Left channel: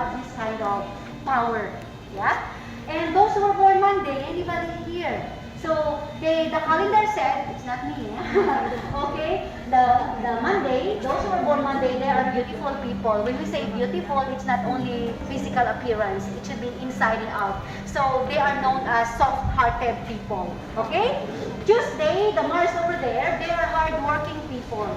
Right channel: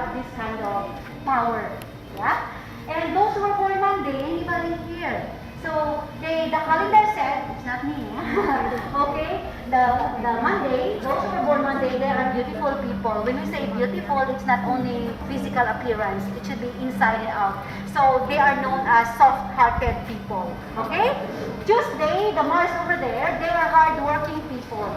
have this kind of power. Yeah? And those who were born Monday, anybody here? So the calendar said, it's not me, okay? The Monday, those who were born Monday, they are beautiful people. When we say beautiful, it's not only physical appearance, it should be inside and out. So they are known as soft-hearted people, okay? Tuesday, the Mars over there, they are hard-working people.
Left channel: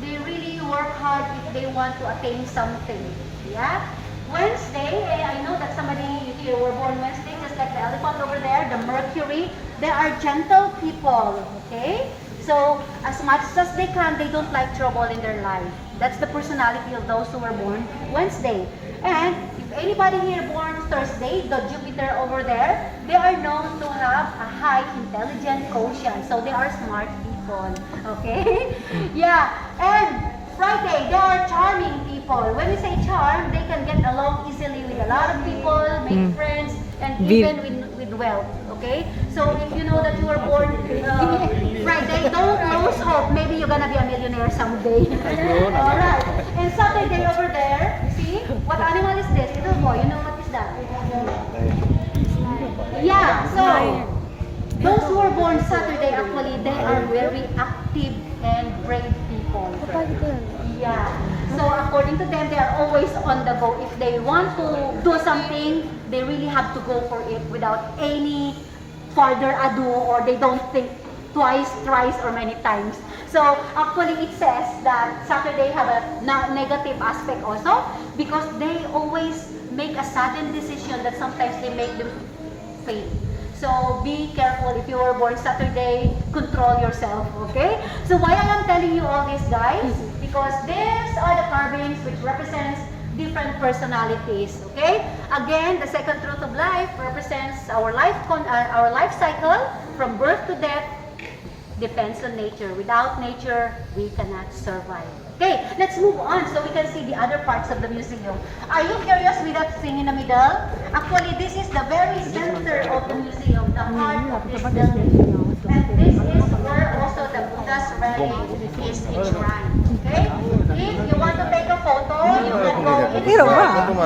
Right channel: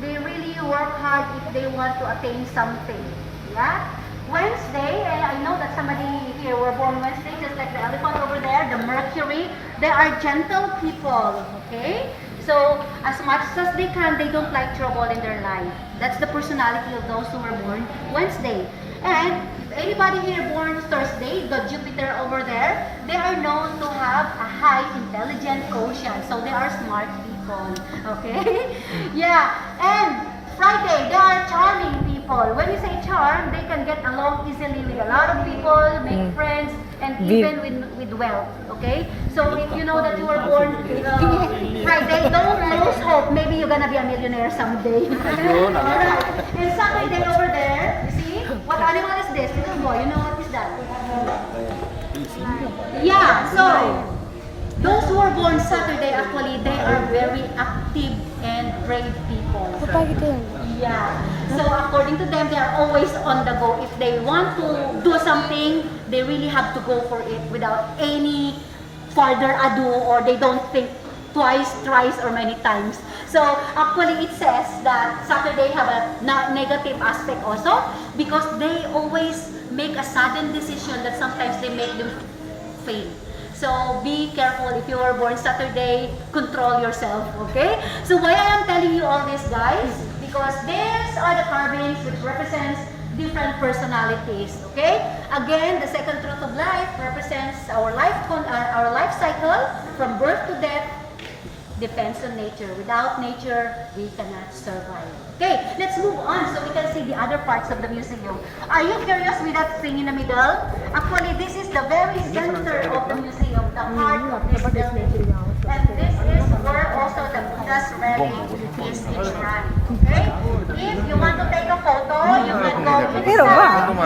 They really work hard if they want to attain something, yeah? Wednesday, I know that somebody here were born Wednesday, just like the elephant over there, the Mercury. They are gentle people, okay? So, as much as they can, they don't like trouble in their life. That's the personality of those who were born Wednesday. And if anybody here born Thursday, the Jupiter over there, they are known to have a high intelligent quotient. So, they are smart people, okay? Yeah, and Friday, they are charming people. When we say charm, they can get along easily with a lot of people, make friends, and even with wealth. Okay? So if you know that you were born Friday, don't lose hope. Maybe you're gonna be a millionaire someday. Alright. And Saturday over there, see? What animal is this? Little boy, you know what is that? Yeah, so those who are born Saturday, actually, they are very active and brave people. Yeah. So according to them, they are always on the go. If they want to do something, they really have to go for it without any further ado, or they don't think twice, thrice, or many times. So actually, it says that Saturday have a negative aspect also, because they always make a sudden decision that sometimes they make them fail. So be careful if you were born Saturday, control yourself, okay? So why I am telling you all this, guys? Because these are the carvings which represents different personalities, okay? Again, the second truth of life represents our life cycle from birth to death. Depends on nature. Without nature, we cannot survive. Okay, let's move on so we can see the other parts of the museum. Are you curious with that thing in the middle? Actually, this is the very center of the museum, the heart of this building. And this is where also the Buddha's relic is enshrined. Okay? If you want to take a photo, you can go inside.